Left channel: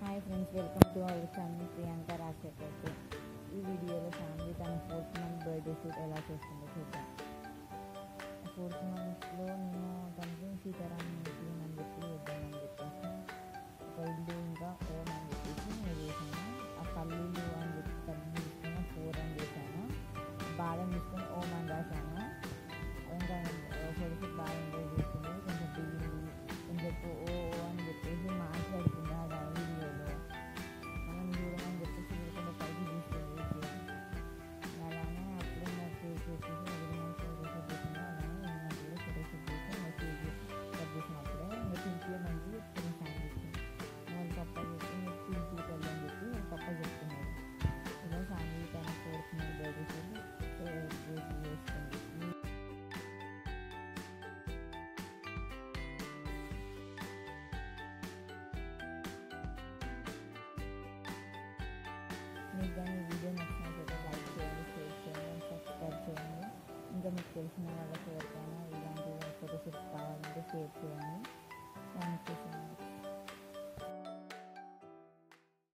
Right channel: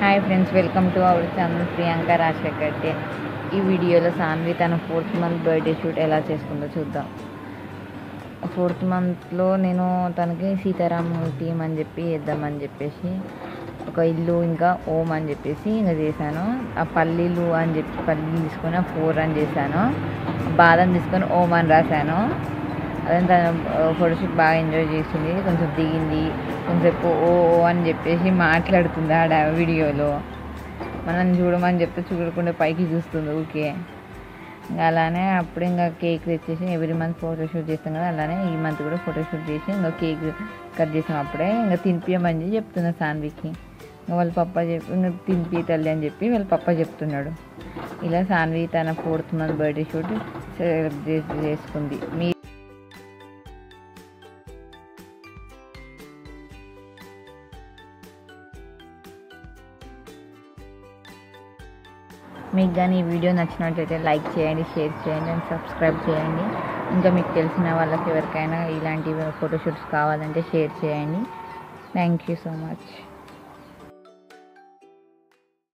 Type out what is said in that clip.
Hi friends, welcome to our channel Priyanka Rajasekhar day. ఈ వీడియోలో సాన్వి తన 4th మంత్ బర్త్డే షూట్ ఎలా చేసుకుందో చూద్దాం. 4th మంత్లో నేను తనకి సీతారాము టీమ్ అని చెప్పి వేద్దామని చెప్పేసి ఒక ఇల్లు ఇంకా ఓం అని చెప్పేసి ఇంకా చేశాను. ఆ పల్లీలు అని చెప్పి పల్లీలు తీసుకొని 4 అని చేశాను. బాదం తీసుకొని ఓం అని రాశాను. అదే తన ఫోటోషూట్ బాగా ఎంజాయ్ చేసింది. కొంచెం దిగింది, కొంచెంసేపు ఓ అని చెప్పేసి మాట్లాడుతుంది ఆడ వీడియోలో. మనం చూడమని చెప్తే చూడకుండా పైకి చూస్తుంది ఓకే. ఇంకా అలానే అప్పుడు ఇంకా కేక్ తెచ్చేసి ఎవ్రీ మంత్ ఫోటోషూట్ చేస్తాం కదా, అలానే ఈ మంత్ కూడా ఫోటోషూట్ చేసి ఇంకా కేక్ కట్ చేసాం. అప్పుడే ఇంకా తినిపించమని చెప్తున్నా సాన్వికి. ఇంకా వాళ్ళ పప్ప ఇంకా తినిపి తల్లి అని చెప్పి వాళ్ళ పప్ప చెప్తున్నాడు. ఇలా సాన్వి తన 4th month birthday shoot celebrate చేసుకుంది. మీకు కానీ ఈ వీడియో నచ్చినట్లయితే లైక్ చేయండి, షేర్ చేయండి అండ్ సబ్స్క్రైబ్ చేయండి. ఇంకా మీకు తెలిసిన వాళ్ళకి ఎవరికైనా ఇలాంటి ఫోటోషూట్స్ కావాలంటే షేర్ చేయండి. Thank you so much.